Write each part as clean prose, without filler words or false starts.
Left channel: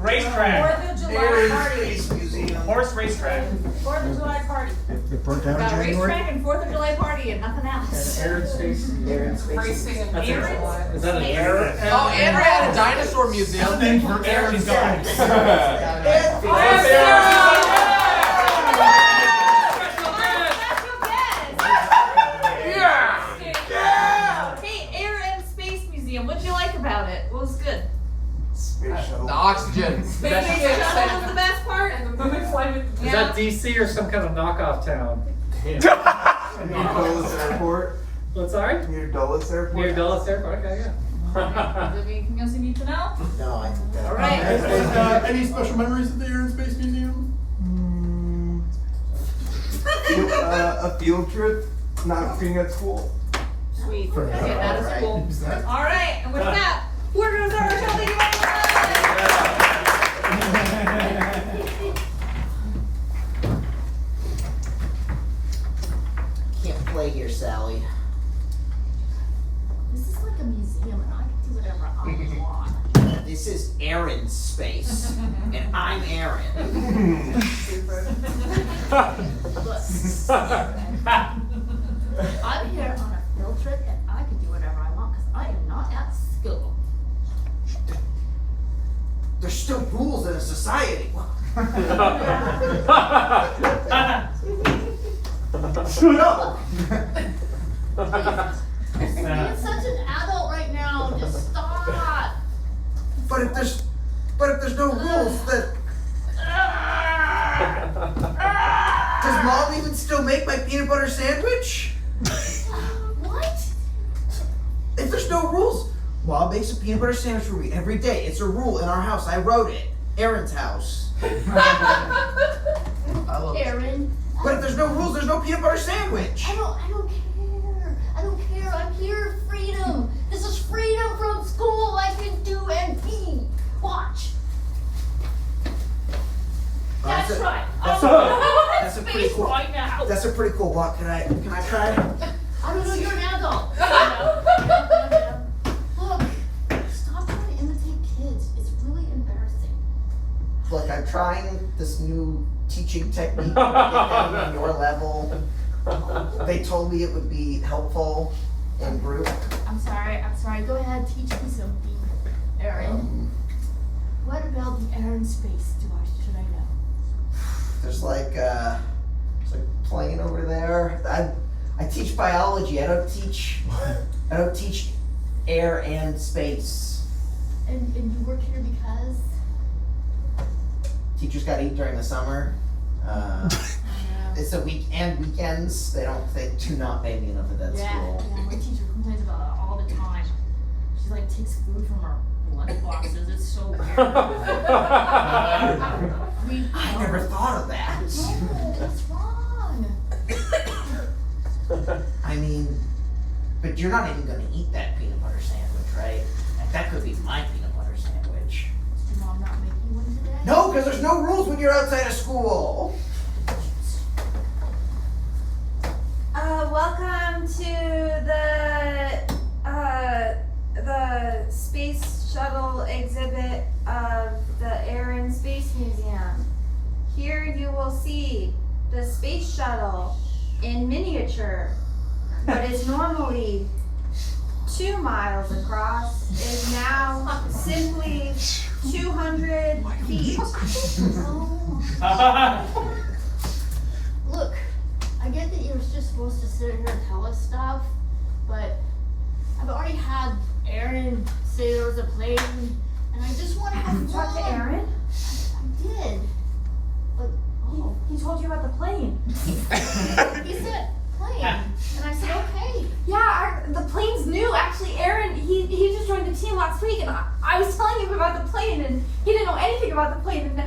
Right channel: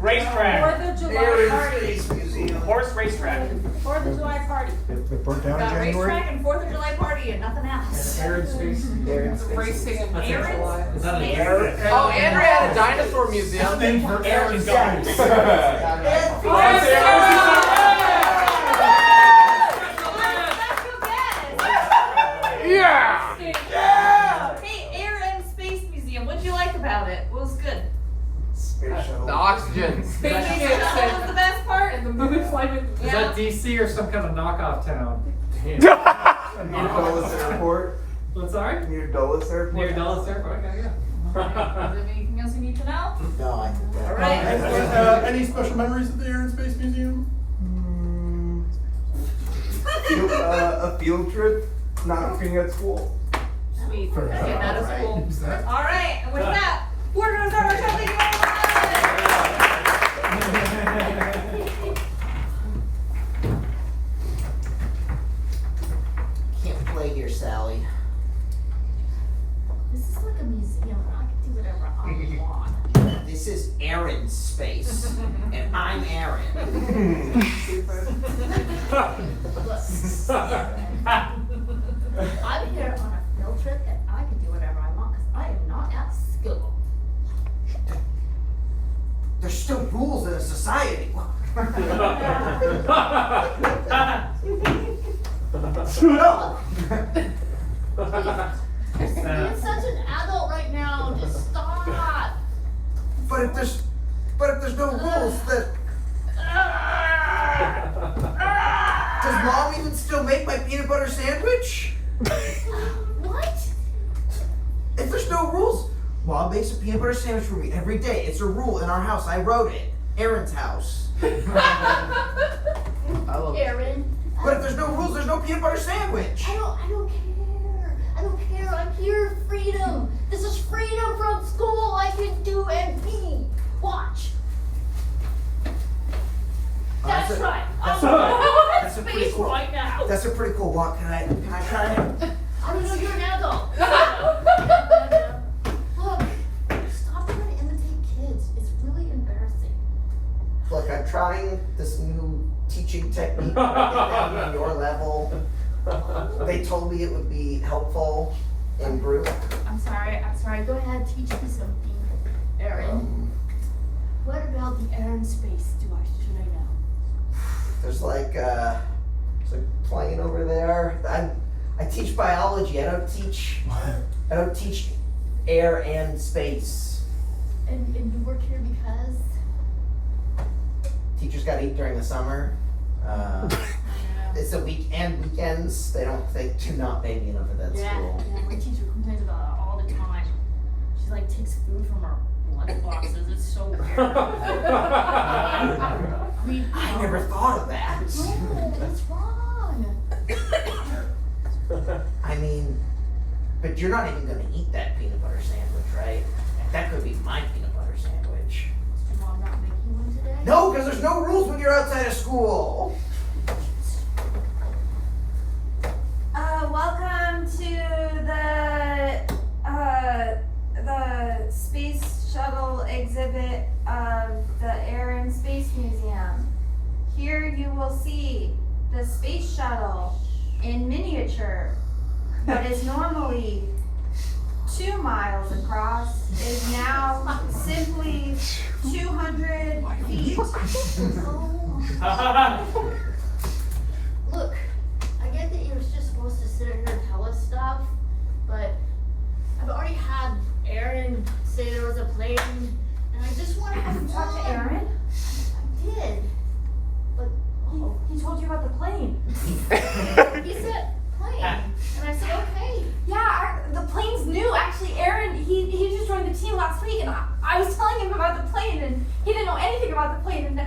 Racetrack. 4th of July Air party. and Space Museum. Horse racetrack. 4th of July party. They burnt down Got in January. racetrack and 4th of July party and nothing else. Air and Space. Air and Space. Racing and Aaron's? Is that an Space? air? Oh, Andrew had a dinosaur museum. Then for air is going. Hey, Air and Space Museum, what'd you like about it? What was good? Space shuttle. The oxygen. Space Shuttle was the best part? And the moving flight. Is that DC or some kind of knockoff town? Near Dulles Airport. What, sorry? Near Dulles Airport. Near Dulles Airport? Okay, yeah. Is there anything else you need to know? No, I think that. Alright. Any special memories of the Air and Space Museum? A field trip, not being at school. Sweet. Okay, that is cool. Alright, and with that, we're gonna start our show. Thank you very much! Can't play here, Sally. This is like a museum and I can do whatever I want. This is Aaron's space, and I'm Aaron. I'm here on a field trip and I can do whatever I want because I am not at school. There's still rules in a society. No. You're being such an adult right now. Just stop. But if there's no rules, then does Mom even still make my peanut butter sandwich? What? If there's no rules, Mom makes a peanut butter sandwich for me every day. It's a rule in our house. I wrote it. Aaron's house. Aaron. But if there's no rules, there's no peanut butter sandwich. I don't care. I don't care. I'm here. Freedom. This is freedom from school. I can do and be. Watch. That's right. That's a pretty Space cool. right now. That's a pretty cool walk. Can I try? I don't know. You're an adult. Look. Stop trying to imitate kids. It's really embarrassing. Look, I'm trying this new teaching technique to get down on your level. They told me it would be helpful in group. I'm sorry. Go ahead. Teach me something, Aaron. What about the air and space should I know? There's like a plane over there. I teach biology. I don't teach air and space. And you work here because? Teachers got to eat during the summer. It's a weekends. They do not pay me enough at that school. Yeah, my teacher complains about it all the time. She like takes food from her lunch boxes. It's so weird. I never thought of that. No, what's wrong? I mean, but you're not even going to eat that peanut butter sandwich, right? That could be my peanut butter sandwich. Is your mom not making one today? No, because there's no rules when you're outside of school. Welcome to the space shuttle exhibit of the Air and Space Museum. Here you will see the space shuttle in miniature. What is normally 2 miles across is now simply 200 feet. Look, I get that you were just supposed to sit here and tell us stuff, but I've already had Aaron say there was a plane, and I just want to Talk to Aaron? I did. But, oh. He told you about the plane. He said plane, and I said okay. Yeah, the plane's new. Actually, Aaron, he just joined the team last week, and I was telling him about the plane, and he didn't know anything about the plane, and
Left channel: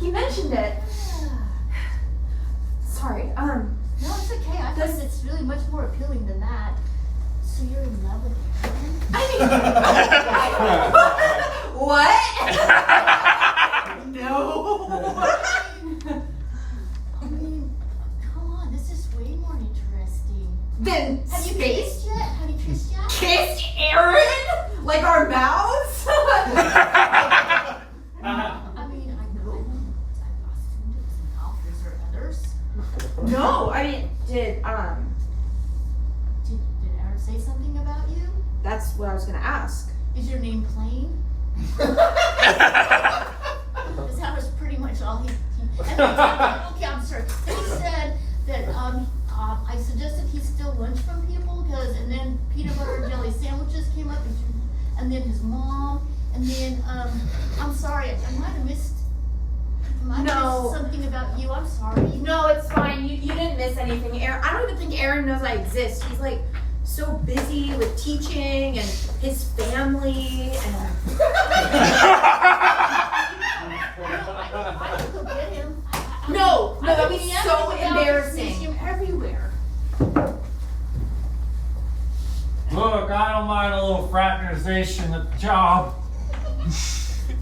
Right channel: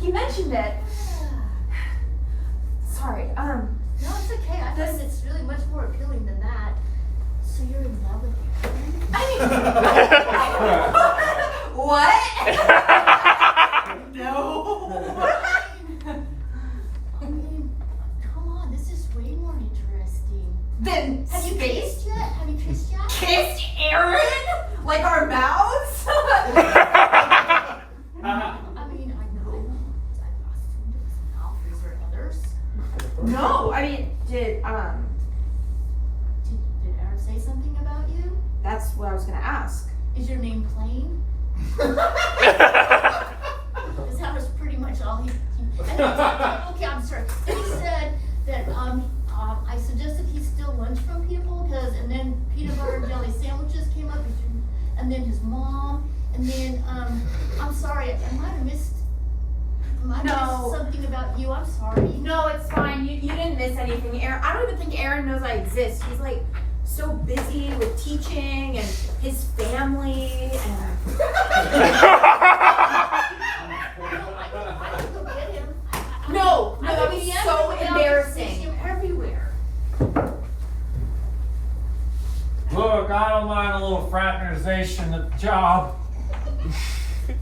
he mentioned it. Sorry, No, it's okay. I thought it's really much more appealing than that. So you're in love with Aaron? What? No. I mean, come on, this is way more interesting. Then Have you kissed yet? Have you kissed yet? kissed Aaron? Like our mouths? sorry. I might have missed. No. Something about you. I'm sorry. No, it's fine. You didn't miss anything. Aaron, I don't even think Aaron knows I exist. He's like so busy with teaching and his family and. I could go get him. No, that I would be mean, so I see embarrassing. him everywhere. Look, I don't mind a little fraternization at the job.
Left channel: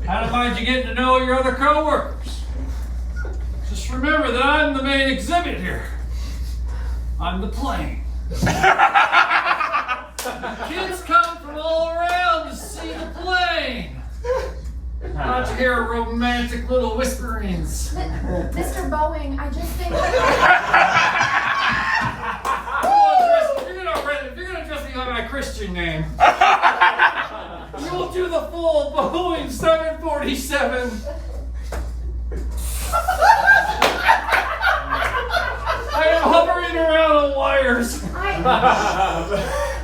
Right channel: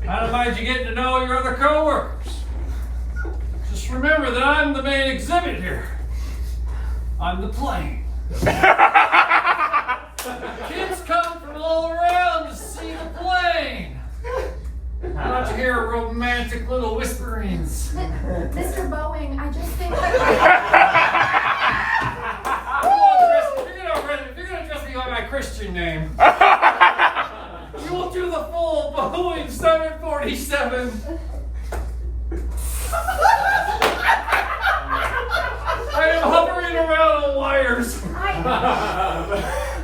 I don't mind you getting to know your other coworkers. Just remember that I'm the main exhibit here. I'm the plane. Kids come from all around to see the plane. Why don't you hear romantic little whisperings? Mr. Boeing, I just think. If you're gonna dress me by my Christian name, you will do the full Boeing 747. I am hovering around on wires.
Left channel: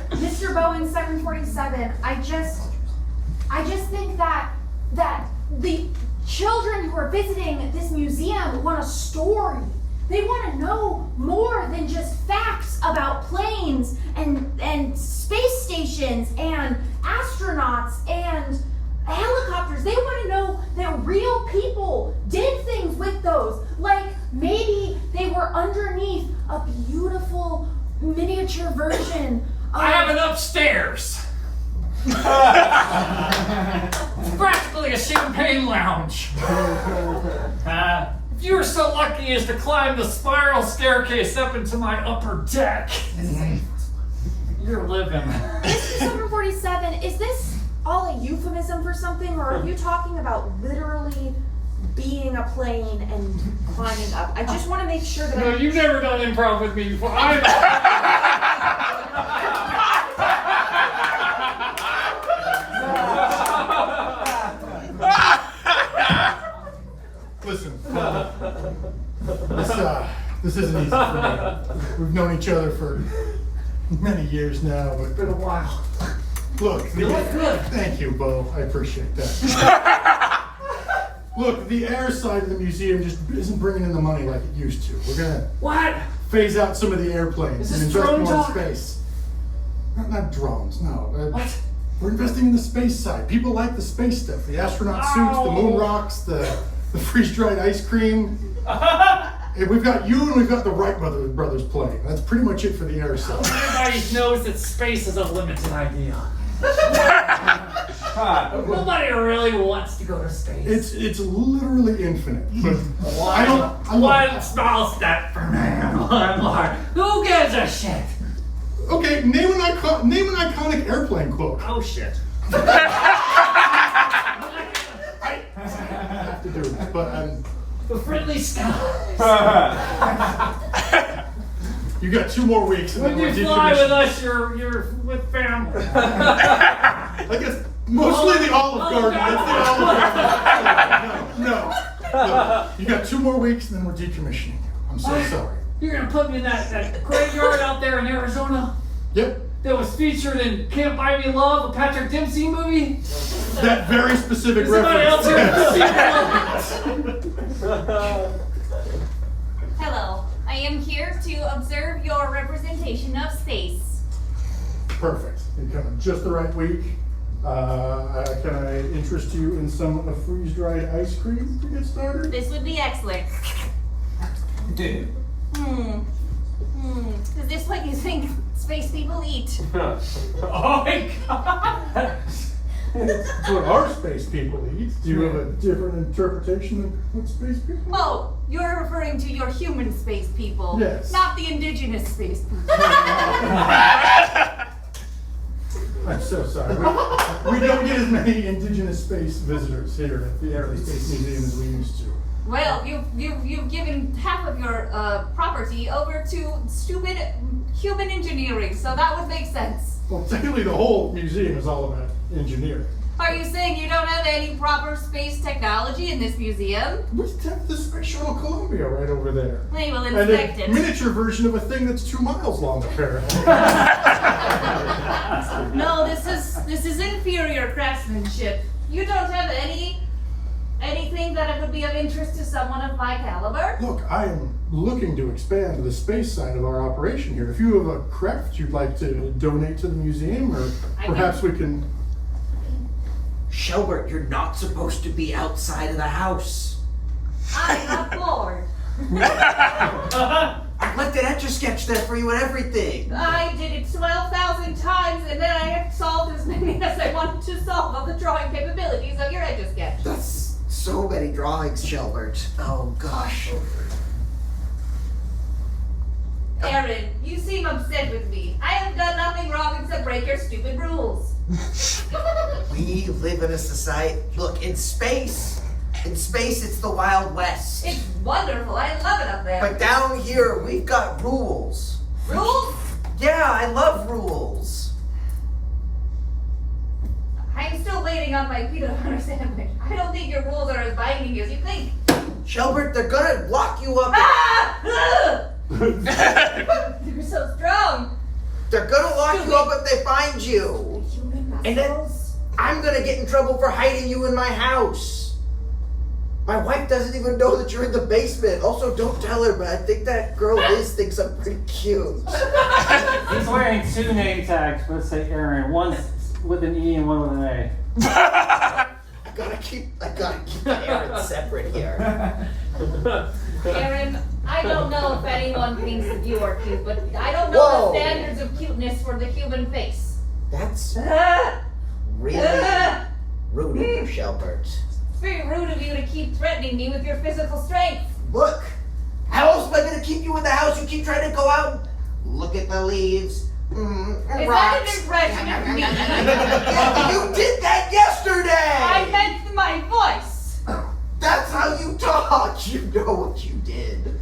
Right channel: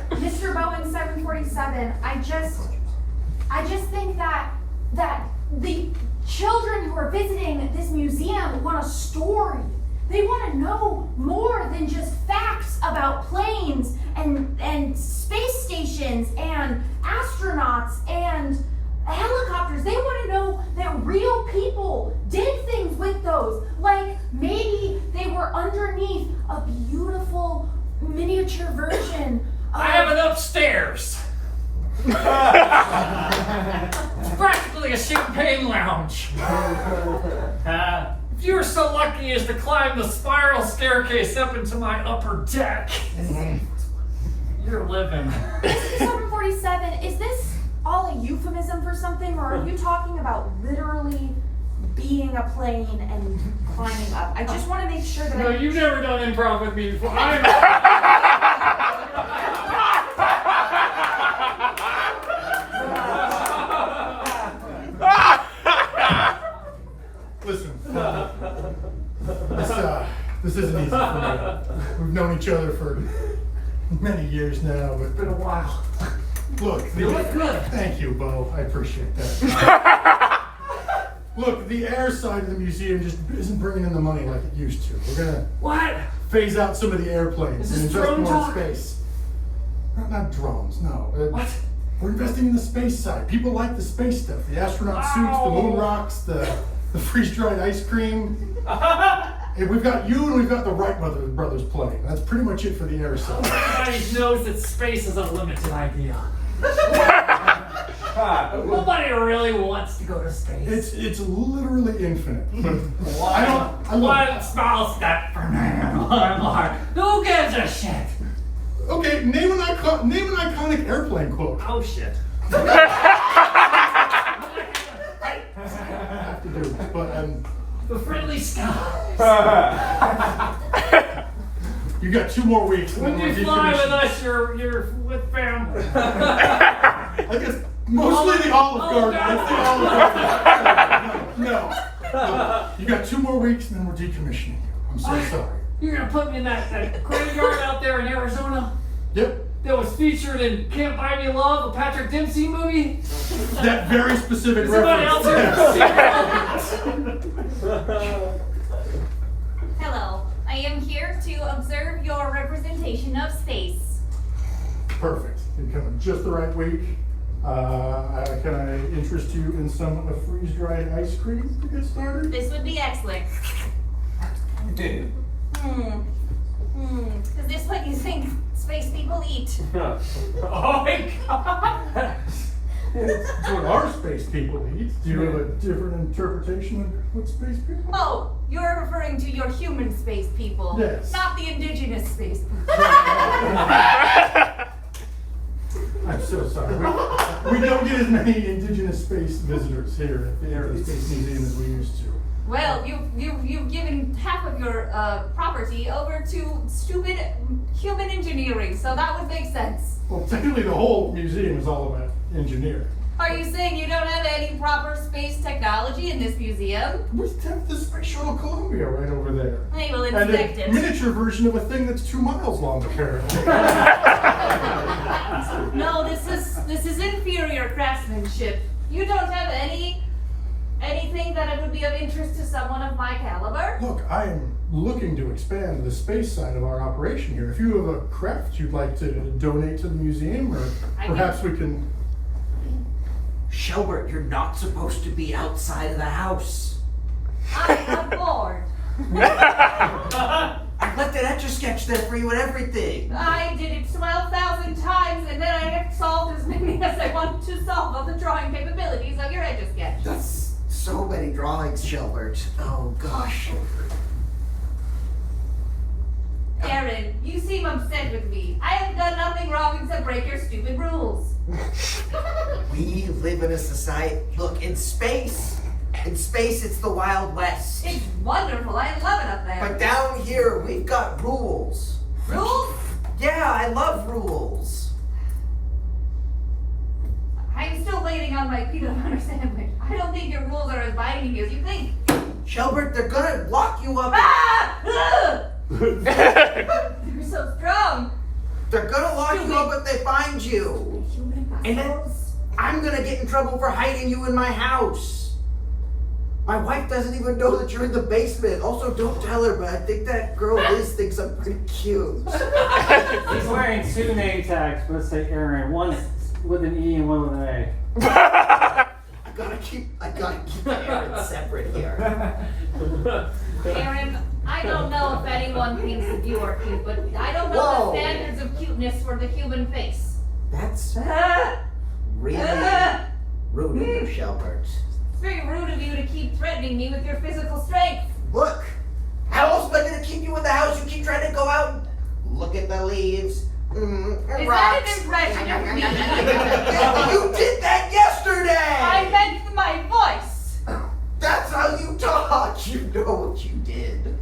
Mr. Boeing 747, I just think that the children who are visiting this museum want a story. They want to know more than just facts about planes and space stations and astronauts and helicopters. They want to know that real people did things with those. Like maybe they were underneath a beautiful miniature version of... I have it upstairs. It's practically a champagne lounge. If you were so lucky as to climb the spiral staircase up into my upper deck, you're living. Mr. 747, is this all a euphemism for something, or are you talking about literally being a plane and climbing up? I just want to make sure that No, you've never done improv with me before. Listen, this isn't easy for me. We've known each other for many years now, but It's been a while. look. You look good. Thank you, Bo. I appreciate that. Look, the air side of the museum just isn't bringing in the money like it used to. We're gonna What? phase out some of the airplanes Is and this invest drone more in talk? space. Not drones, no. What? We're investing in the space side. People like the space stuff. The astronaut suits, the moon rocks, the freeze-dried ice cream. And we've got you and we've got the Wright brothers playing. That's pretty much it for the air side. Everybody knows that space is a limited idea. Nobody really wants to go to space. It's literally infinite. But I love One small step for man, one more. Who gives a shit? Okay, name an iconic airplane quote. Oh shit. I have to do this, but The friendly skies. you got 2 more weeks. and When then you we're fly with decommissioned. us, you're with family. I guess mostly the Olive Garden. That's the Olive Garden. No. You got 2 more weeks and then we're decommissioning you. I'm so sorry. You're gonna put me in that graveyard out there in Arizona Yep. that was featured in Can't Buy Me Love, a Patrick Dempsey movie? That very specific Somebody else reference. Hello, I am here to observe your representation of space. Perfect. You're coming just the right week. Can I interest you in some of freeze-dried ice cream to get started? This would be excellent. Is this what you think space people eat? Oh my god! That's what our space people eat. Do you have a different interpretation of what space people eat? Oh, you're referring to your human space people. Yes. Not the indigenous space people. I'm so sorry. We don't get as many indigenous space visitors here at the Air Space Museum as we used to. Well, you've given half of your property over to stupid human engineering, so that would make sense. Well, technically the whole museum is all about engineering. Are you saying you don't have any proper space technology in this museum? We have the Space Shuttle Columbia right over there. We will And inspect a it. miniature version of a thing that's 2 miles long, apparently. No, this is inferior craftsmanship. You don't have any someone of my caliber? Look, I am looking to expand the space side of our operation here. If you have a craft you'd like to donate to the museum, or perhaps we can... Shelbert, you're not supposed to be outside of the house. I am bored. I left an Etch-a-Sketch there for you and everything. I did it 12,000 times and then I have solved as many as I wanted to solve of the drawing capabilities of your Etch-a-Sketch. That's so many drawings, Shelbert. Oh gosh. Aaron, you seem upset with me. I have done nothing wrong except break your stupid rules. We live in a society. Look, in space, it's the Wild West. It's wonderful. I love it up there. But down here, we've got rules. Rules? Yeah, I love rules. I'm still waiting on my peanut butter sandwich. I don't think your rules are as binding as you think. Shelbert, they're gonna lock you up. Ah! Ugh! You're so strong. They're gonna lock you up if they find you. And then I'm gonna get in trouble for hiding you in my house. My wife doesn't even know that you're in the basement. Also, don't tell her, but I think that girl Liz thinks I'm pretty cute. He's wearing two name tags. Let's say Aaron. One's with an E and one with an A. I gotta keep my Aaron separate here. Aaron, I don't know if anyone thinks that you are cute, but I don't know Whoa. the standards of cuteness for the human face. That's really rude of you, Shelbert. It's very rude of you to keep threatening me with your physical strength. Look, how else am I gonna keep you in the house? You keep trying to go out and look at the leaves. Is Rocks. that an impression of me? You did that yesterday! I meant my voice. That's how you talk. You know what you did.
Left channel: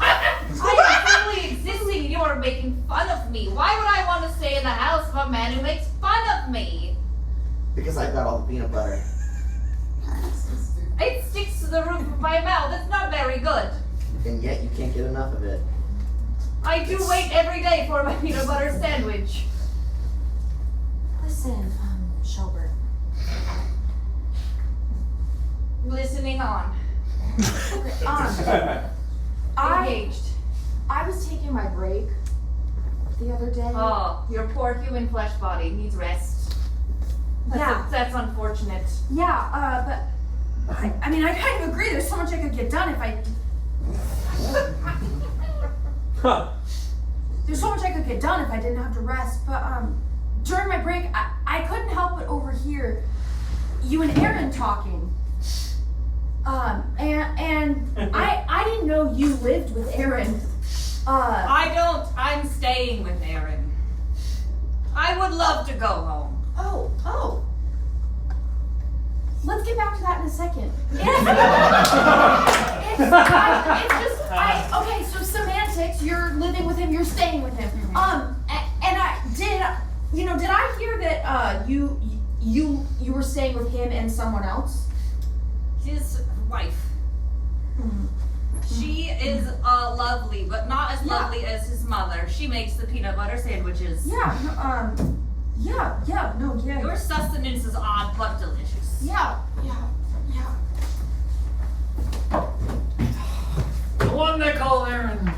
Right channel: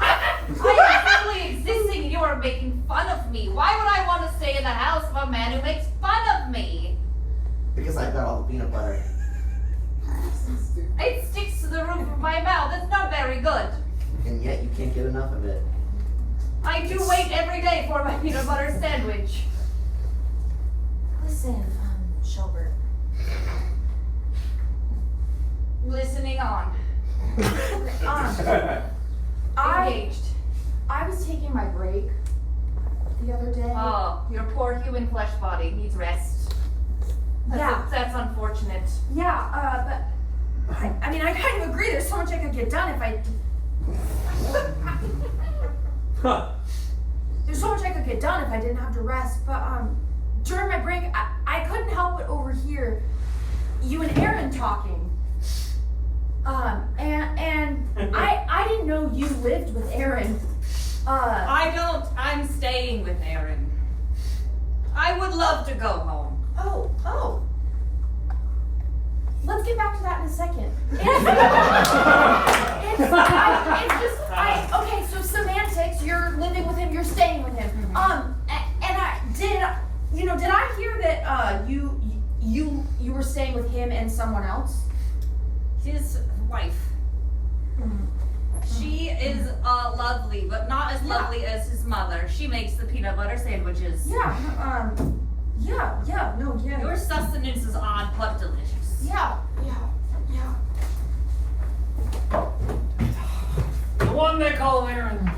I am simply existing. You are making fun of me. Why would I want to stay in the house of a man who makes fun of me? Because I've got all the peanut butter. It sticks to the roof of my mouth. It's not very good. And yet you can't get enough of it. I do wait every day for my peanut butter sandwich. Listen, Shelbert. Listening on. Engaged. I was taking my break the other day. Oh, your poor human flesh body needs rest. That's unfortunate. Yeah, but I mean, I kind of agree. There's so much I could get done if I. There's so much I could get done if I didn't have to rest. But during my break, I couldn't help but overhear you and Aaron talking. And I didn't know you lived with Aaron. I don't. I'm staying with Aaron. I would love to go home. Oh. Let's get back to that in a second. Okay, so semantics, you're living with him, you're staying with him. Did I hear that you were staying with him and someone else? His wife. She is lovely, but not as lovely as his mother. She makes the peanut butter sandwiches. Yeah, Your sustenance is odd but delicious. Yeah. The one they call Aaron.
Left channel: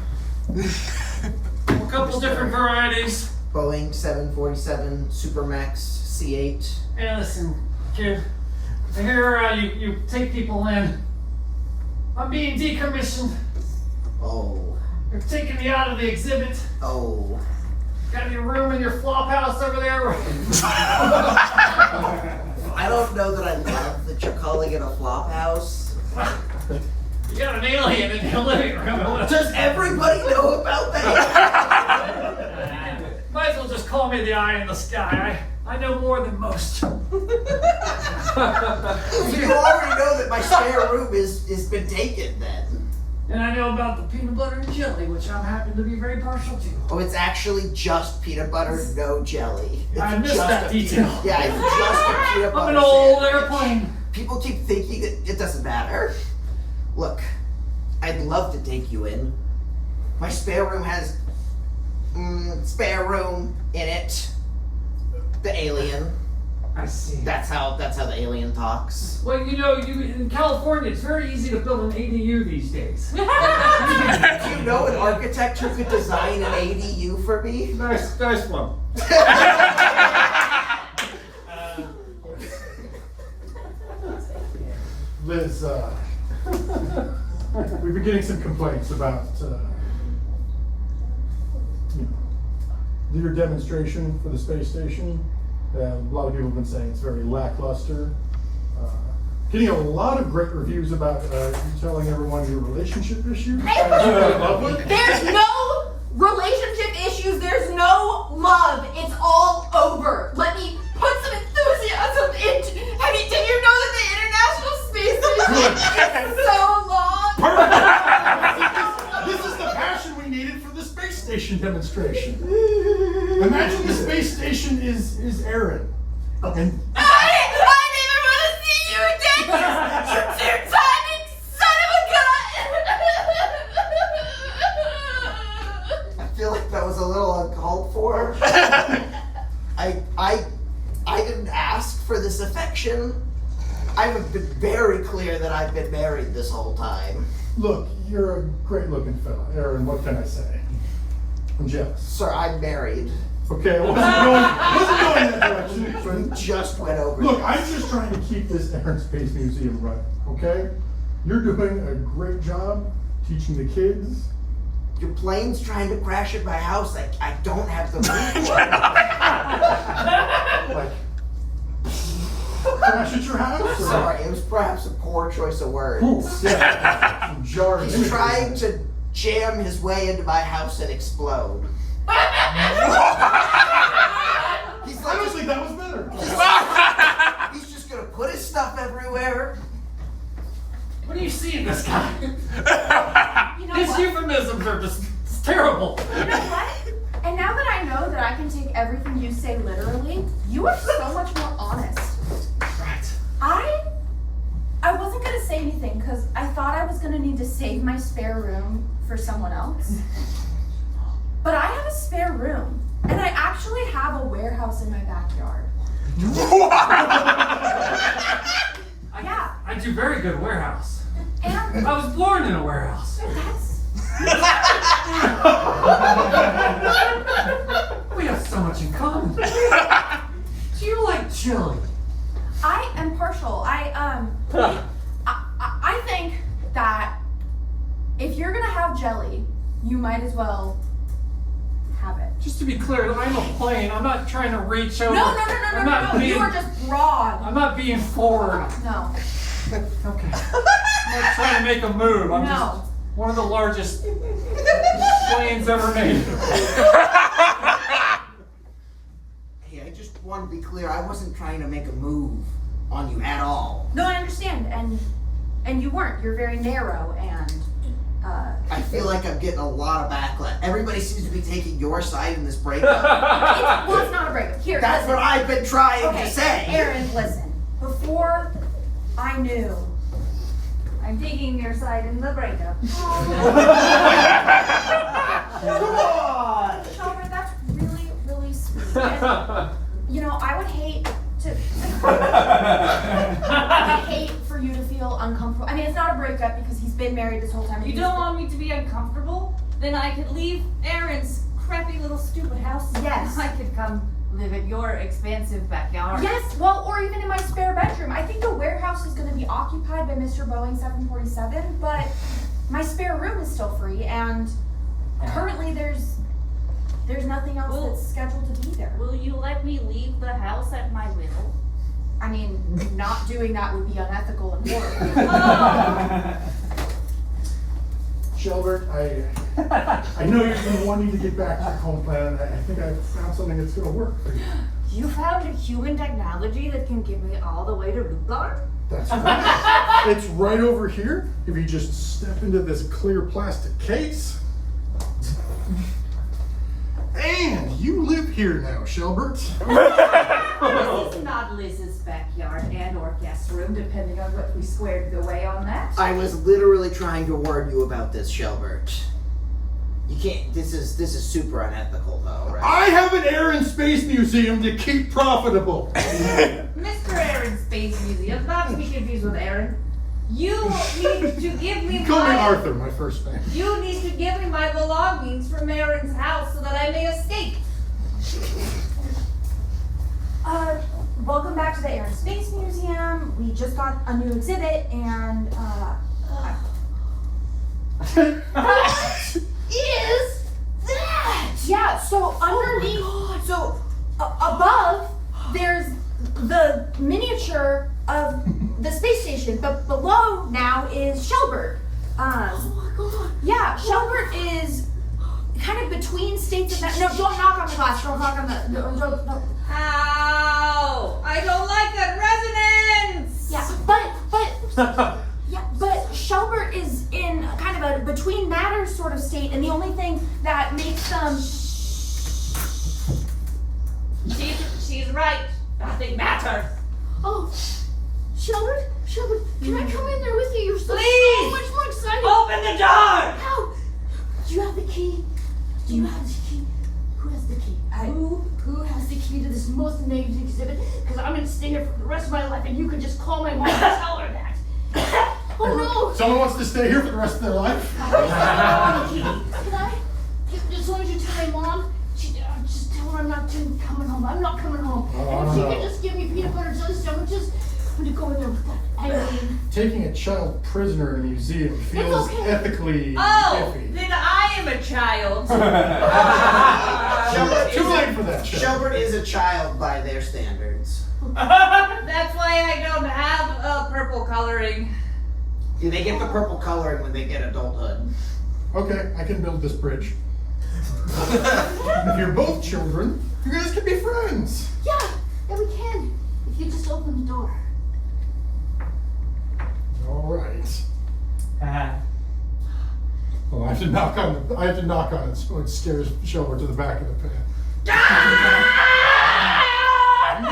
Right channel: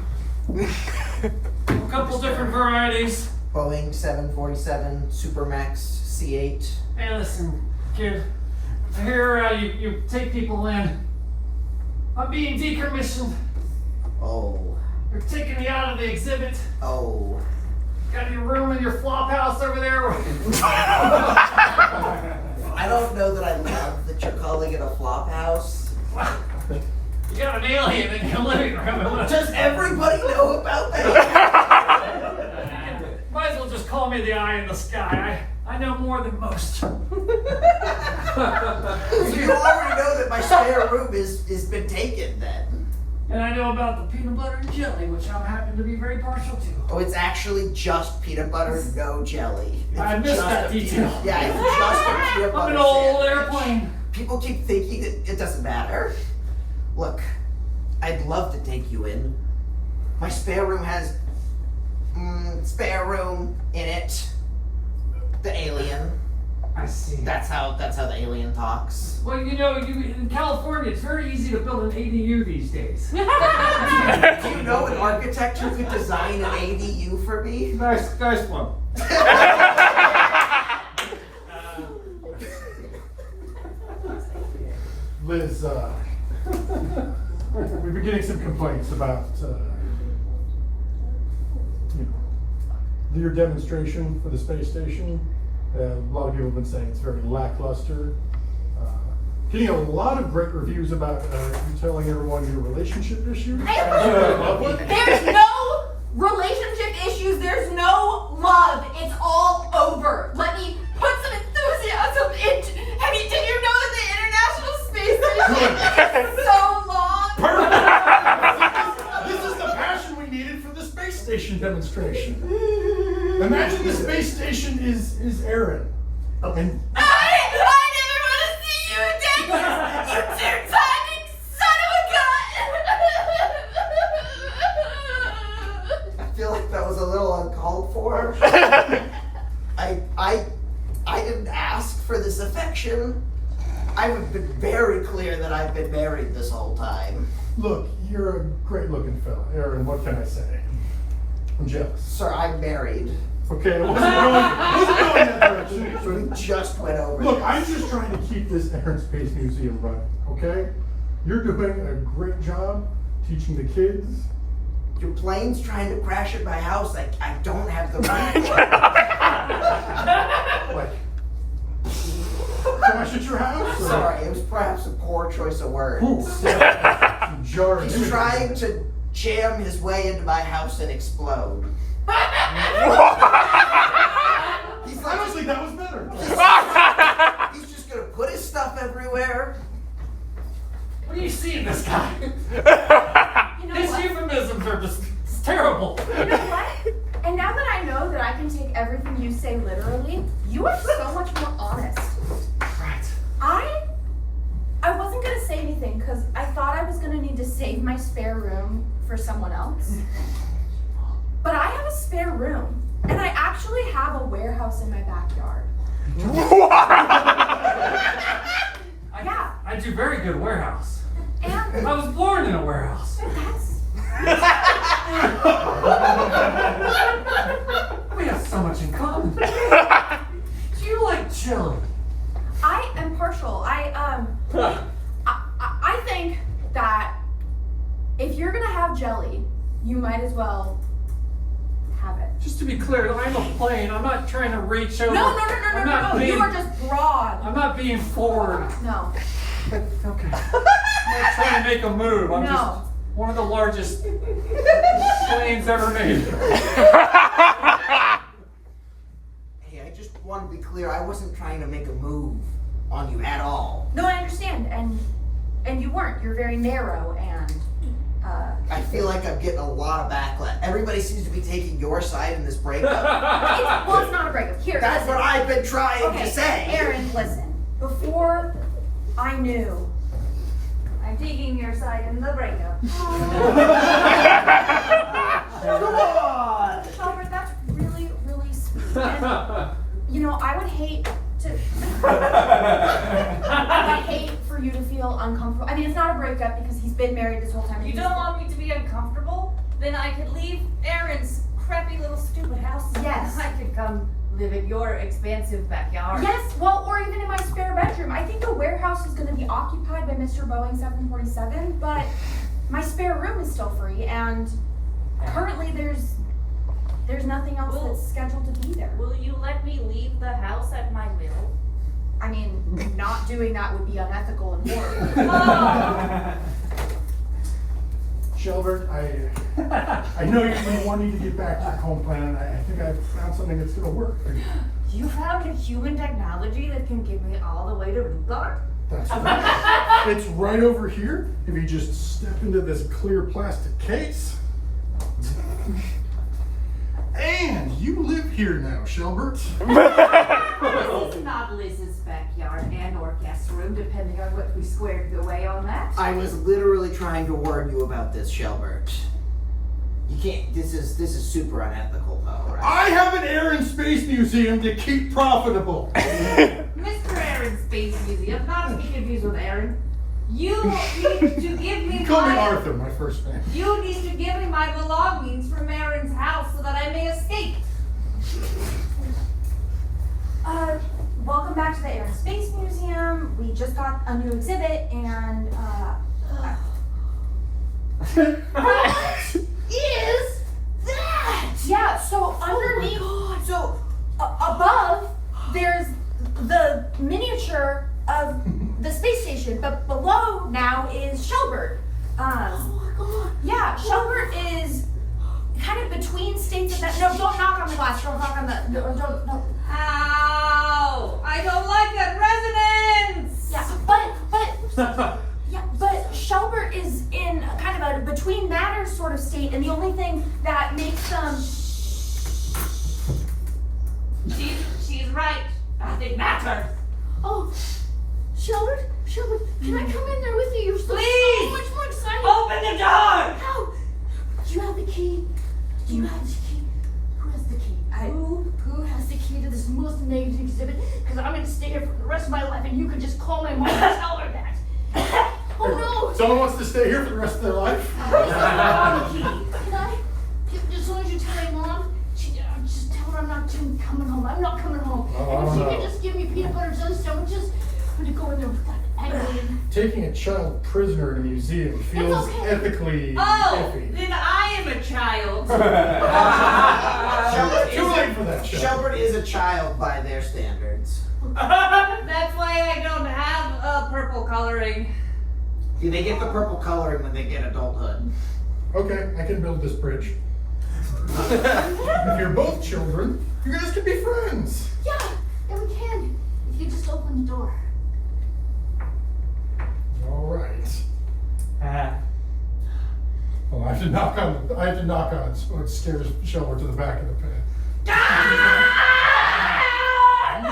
A couple different varieties. Boeing 747 Supermax C8. Hey, listen, kid. I hear you take people in. I'm being decommissioned. Oh. You're taking me out of the exhibit. Oh. Got your room in your flop house over there. I don't know that I love that you're calling it a flop house. You got an alien in your living room. Does everybody know about that? Might as well just call me the eye in the sky. I know more than most. You already know that my spare room is been taken then. And I know about the peanut butter and jelly, which I happen to be very partial to. Oh, it's actually just peanut butter, no jelly. It's I missed just that a detail. Yeah, it's just a peanut butter I'm an old sandwich. airplane. People keep thinking that it doesn't matter. Look, I'd love to take you in. My spare room has spare room in it. The alien. I see. That's how the alien talks. Well, you know, in California, it's very easy to build an ADU these days. Do you know an architect who could design an ADU for me? Nice one. Liz, we've been getting some complaints about, your demonstration for the space station. A lot of people have been saying it's very lackluster. Getting a lot of great reviews about you telling everyone your relationship issues. There's no relationship issues. There's no love. It's all over. Let me put some enthusiasm into. I mean, did you know that the International Space Station is so long? This is the passion we needed for the space station demonstration. Imagine the space station is Aaron. And I never want to see you again. You two-timing son of a gun. I feel like that was a little uncalled for. I didn't ask for this affection. I've been very clear that I've been married this whole time. look, you're a great looking fella. Aaron, what can I say? I'm jealous. Sir, I'm married. Okay, I wasn't going that direction. We just went over Look, this. I'm just trying to keep this Aaron Space Museum running, okay? You're doing a great job teaching the kids. Your plane's trying to crash at my house. I don't have the room for it. Like, crash at your house? Or? Sorry, it was perhaps a poor choice of words. Ooh, yeah. Jarring. He's trying to jam his way into my house and explode. He's like, Honestly, that was better. he's just gonna put his stuff everywhere. What do you see in this guy? You know His what? euphemisms are just it's terrible. You know what? And now that I know that I can take everything you say literally, you are so much more honest. Right. I wasn't gonna say anything because I thought I was gonna need to save my spare room for someone else. But I have a spare room, and I actually have a warehouse in my backyard. Yeah, I do very good warehouse. and I was born in a warehouse. that's We have so much in common. Do you like chili? I am partial. I think that if you're gonna have jelly, you might as well have it. Just to be clear, I'm a plane. I'm not trying to reach over. No. I'm not You being- are just broad. I'm not being forward. No. Okay. I'm not trying to make a move. I'm No. just one of the largest planes ever made. Hey, I just want to be clear. I wasn't trying to make a move on you at all. No, I understand, and you weren't. You're very narrow, and I feel like I'm getting a lot of backlash. Everybody seems to be taking your side in this breakup. it's not a breakup. Here, That's listen. what I've been trying Okay, to say. Aaron, listen. Before I knew, I'm taking your side in the breakup. Come on! Shelbert, that's really, really sweet. And, you know, I would hate to. I would hate for you to feel uncomfortable. I mean, it's not a breakup because he's been married this whole time. and You he's- don't want me to be uncomfortable? Then I could leave Aaron's crappy little stupid house. Yes. And I could come live in your expansive backyard. Yes, well, or even in my spare bedroom. I think the warehouse is going to be occupied by Mr. Boeing 747, but my spare room is still free, and currently there's nothing else Well- that's scheduled to be there. Will you let me leave the house at my will? I mean, not doing that would be unethical and horrible. Oh. Shelbert, I know you've been wanting to get back to your home plan. I think I've found something that's going to work for you. You found a human technology that can get me all the way to Lugar? That's right. It's right over here. If you just step into this clear plastic case. And you live here now, Shelbert. This is not Liz's backyard and or guest room, depending on what we squared away on that. I was literally trying to warn you about this, Shelbert. You can't. This is super unethical, though, right? I have an Air and Space Museum to keep profitable. Aaron Space Museum, not to be confused with Aaron. You need to give me Call me my Arthur, my first name. You need to give me my belongings from Aaron's house so that I may escape. Welcome back to the Air and Space Museum. We just got a new exhibit and What is that? yeah, so underneath, so above, there's the miniature of the space station, but below now is Shelbert. Oh my god. Yeah, Shelbert is kind of between states of that. No, don't knock on the glass. Don't knock on the. No. Ow! I don't like that resonance! Yeah, but Shelbert is in a kind of a between matters sort of state, and the only thing that makes them. She's right. Nothing matters. Oh, Shelbert, can I come in there with you? You're so Please! much more excited. Open the door! How? Do you have the key? Do you have the key? Who has the key? Who has the key to this most negative exhibit? Because I'm going to stay here for the rest of my life, and you could just call my mom and tell her that. Oh no! Someone wants to stay here for the rest of their life? Can I? As long as you tell my mom, just tell her I'm not coming home. I'm not coming home. Oh, I And if don't she know. could just give me peanut butter jelly sandwiches, I'm going to go in there with that alien. Taking a child prisoner in a museum feels okay. ethically Oh, iffy. then I am a child. Shelbert Too late for that shit. Shelbert is a child by their standards. That's why I don't have purple coloring. Do they get the purple coloring when they get adulthood? Okay, I can build this bridge. If you're both children, you guys can be friends. Yeah, we can. If you just open the door. All right. Well, I have to knock on it so it scares Shelbert to the back of the pit. There you go.